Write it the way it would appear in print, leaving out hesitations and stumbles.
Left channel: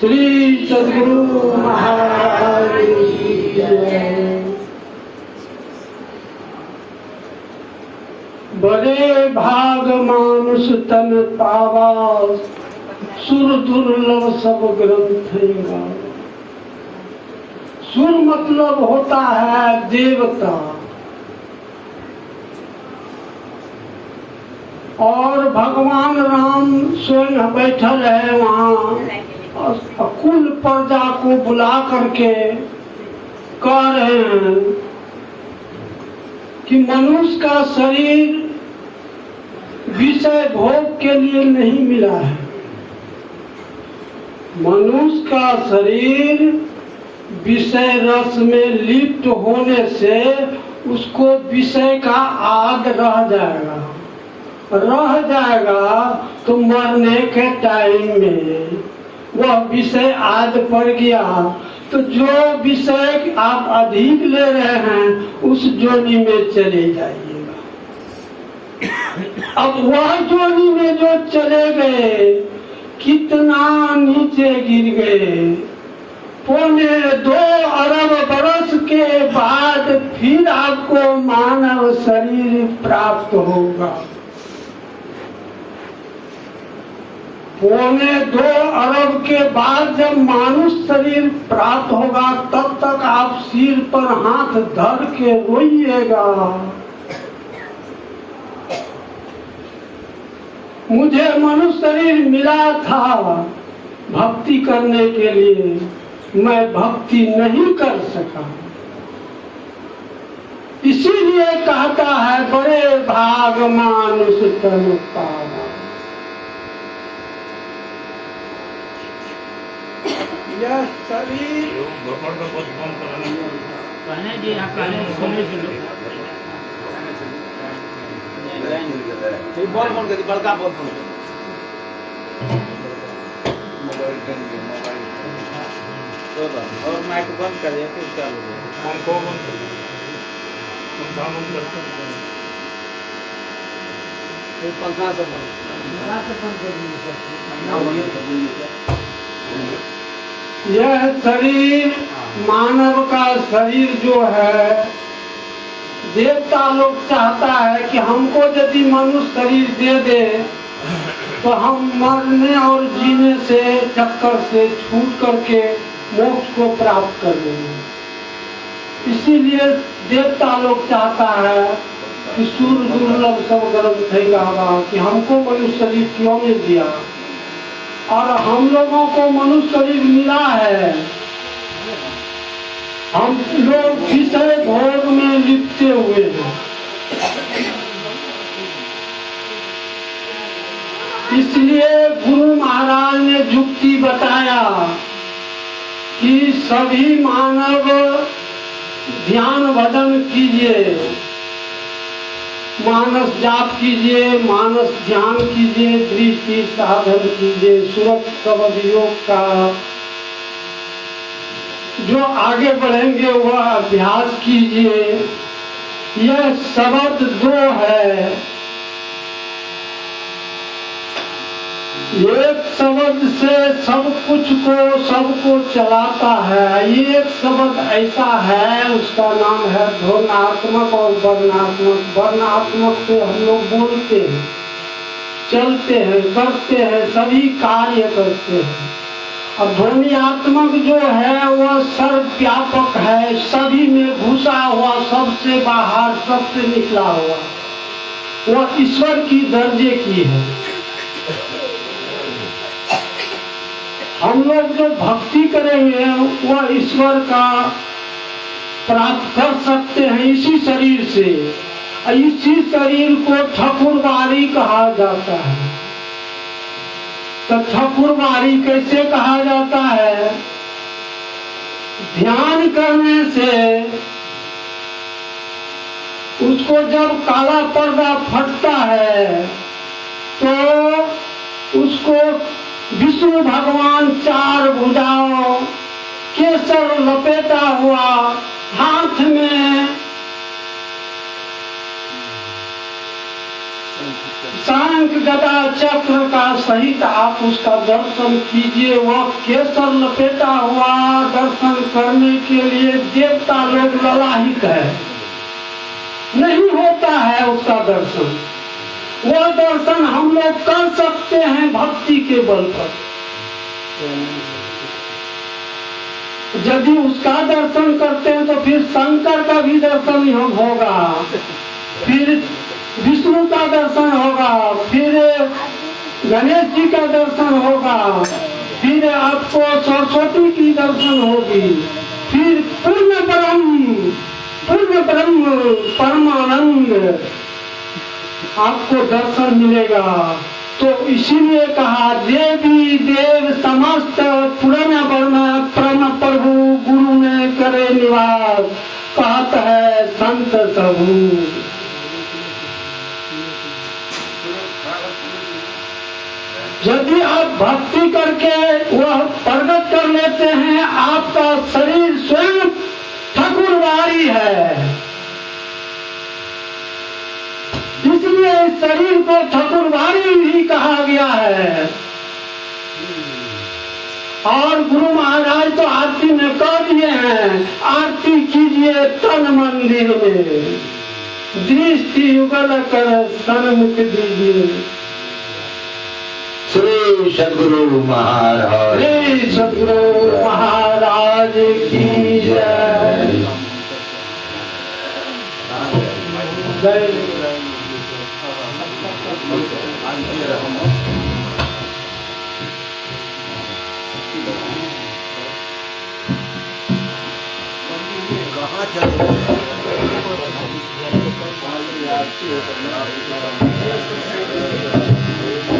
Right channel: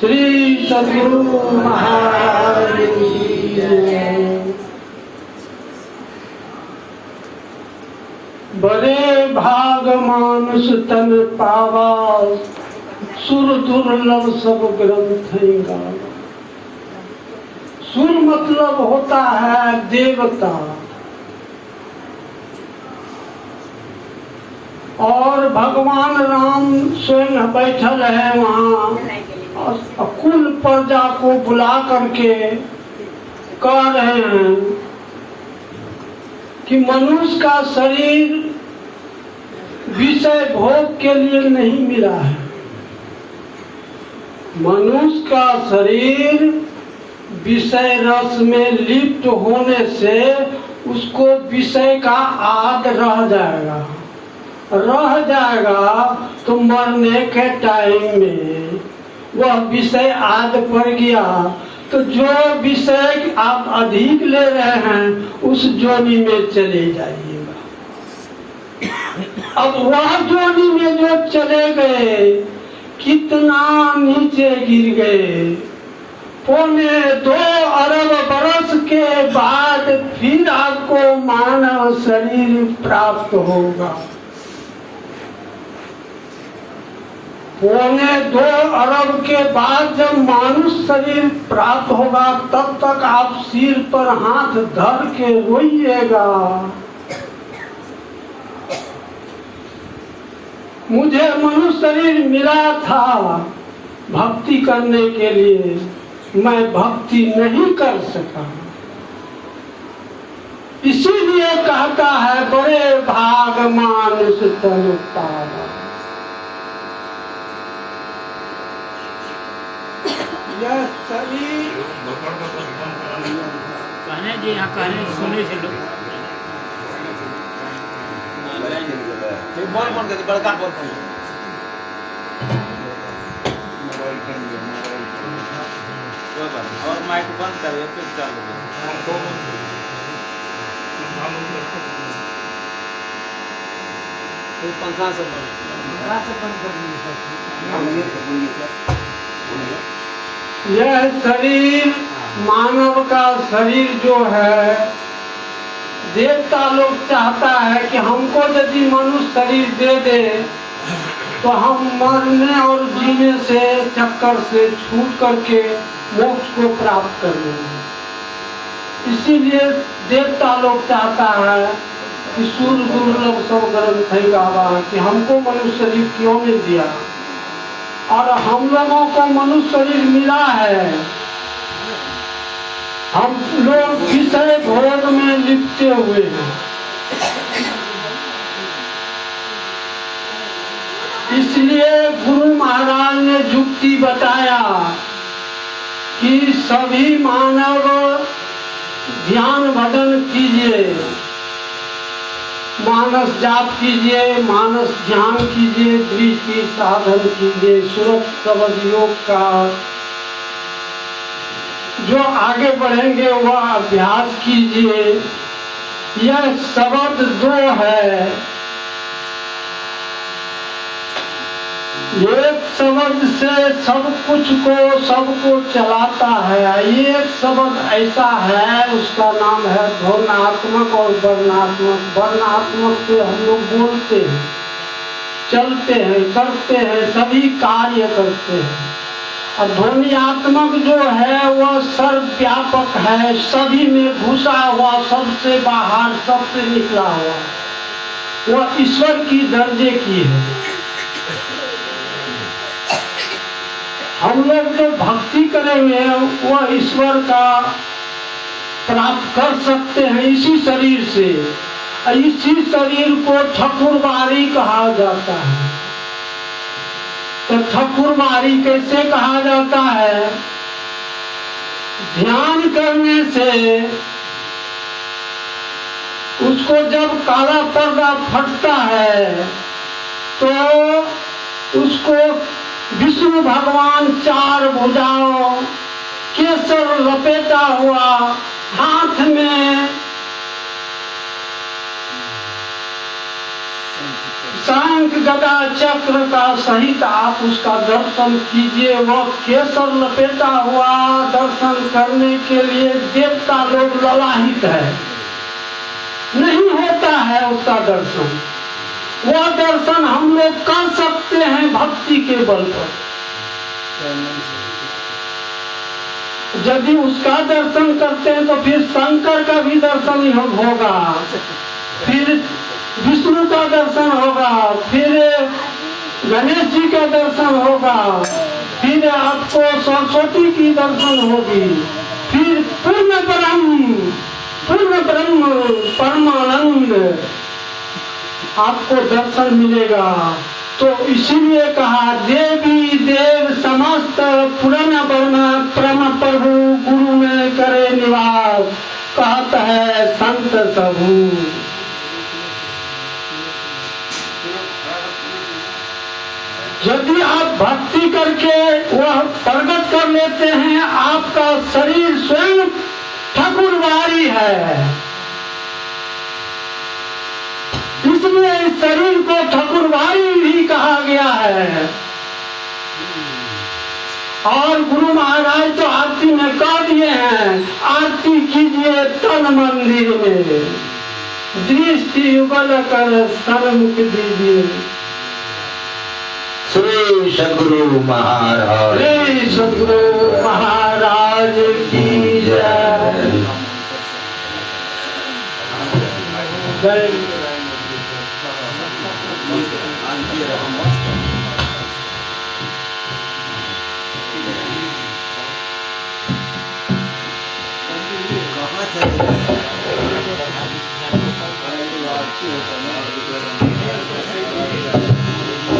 श्री सद्गुरु महाराज की जय। बड़े भाग मानुष तन पावा, सुर दुर्लभ सब ग्रंथ गावा। सुर मतलब होता है देवता, और भगवान राम स्वयं बैठल है वहाँ, कुल प्रजा को बुला करके कह रहे हैं कि मनुष्य का शरीर विषय भोग के लिए नहीं मिला है। मनुष्य का शरीर विषय रस में लिप्त होने से उसको विषय का आद रह जाएगा तो मरने के टाइम में वह विषय आद पड़ गया तो जो विषय आप अधिक ले रहे हैं उस जोनी में चले जाइएगा। अब वह जोनी में जो चले गए कितना नीचे गिर गए। 2.25 अरब बरस के बाद फिर आपको मानव शरीर प्राप्त होगा। 2.25 अरब के बाद जब मानुष शरीर प्राप्त होगा तब तक आप सिर पर हाथ धर के रोइएगा, मुझे मनुष्य शरीर मिला था भक्ति करने के लिए, मैं भक्ति नहीं कर सका। इसीलिए कहता है बड़े भाग मानुष तन पावा। यह शरीर कहने जी यहाँ कहने सुनी से बोल मन के बड़का बोल और माइक बंद कर दे फिर चालू हम को बंद फिर पंखा से बंद कर दीजिए। यह शरीर मानव का शरीर जो है, देवता लोग चाहता है कि हमको यदि मनुष्य शरीर दे दे तो हम मरने और जीने से चक्कर से छूट करके मोक्ष को प्राप्त कर लेंगे। इसीलिए देवता लोग चाहता है कि सुर दुर्लभ सब ग्रंथ गावा, कि हमको मनुष्य शरीर क्यों नहीं दिया। और हम लोगों को मनुष्य शरीर मिला है, हम लोग विषय भोग में लिपटे हुए हैं। इसलिए गुरु महाराज ने युक्ति बताया कि सभी मानव ध्यान भजन कीजिए, मानस जाप कीजिए, मानस ध्यान कीजिए, दृष्टि साधन कीजिए, सुरत शब्द योग का जो आगे बढ़ेंगे वह अभ्यास कीजिए। यह शब्द 2 है, एक शब्द से सब कुछ को सबको चलाता है। एक शब्द ऐसा है उसका नाम है ध्वन्यात्मक और वर्णात्मक। वर्णात्मक से हम लोग बोलते हैं, चलते हैं, करते हैं, सभी कार्य करते हैं। और ध्वन्यात्मक जो है वह सर्वव्यापक है, सभी में घुसा हुआ, सबसे बाहर, सबसे निकला हुआ, वह ईश्वर की दर्जे की है। हम लोग जो भक्ति करेंगे वह ईश्वर का प्राप्त कर सकते हैं इसी शरीर से। इसी शरीर को ठाकुरबाड़ी कहा जाता है। तो ठाकुरबाड़ी कैसे कहा जाता है? ध्यान करने से उसको जब काला पर्दा फटता है तो उसको विष्णु भगवान 4 भुजाओं, केसर लपेटा हुआ, हाथ में शंख शंख गदा चक्र का सहित आप उसका दर्शन कीजिए। वह केसर लपेटा हुआ दर्शन करने के लिए देवता लोग ललाहित है, नहीं होता है उसका दर्शन। वह दर्शन हम लोग कर सकते हैं भक्ति के बल पर। यदि उसका दर्शन करते हैं तो फिर शंकर का भी दर्शन हम होगा, फिर विष्णु का दर्शन होगा, फिर गणेश जी का दर्शन होगा, फिर आपको सरस्वती की दर्शन होगी, फिर पूर्ण ब्रह्म परमानंद आपको दर्शन मिलेगा। तो इसीलिए कहा देवी देव समस्त पुराण परम प्रभु गुरु में करे निवास, कहत है संत सबू। यदि आप भक्ति करके वह प्रकट कर लेते हैं, आपका शरीर स्वयं ठाकुरवारी है, इसलिए इस शरीर को ठाकुरवारी भी कहा गया है। और गुरु महाराज तो आरती में कह दिए हैं, आरती कीजिए तन मंदिर में, दृष्टि युगल कर सन्मुख दीजिए। श्री सद्गुरु महाराज, श्री सद्गुरु महाराज की जय। जय चले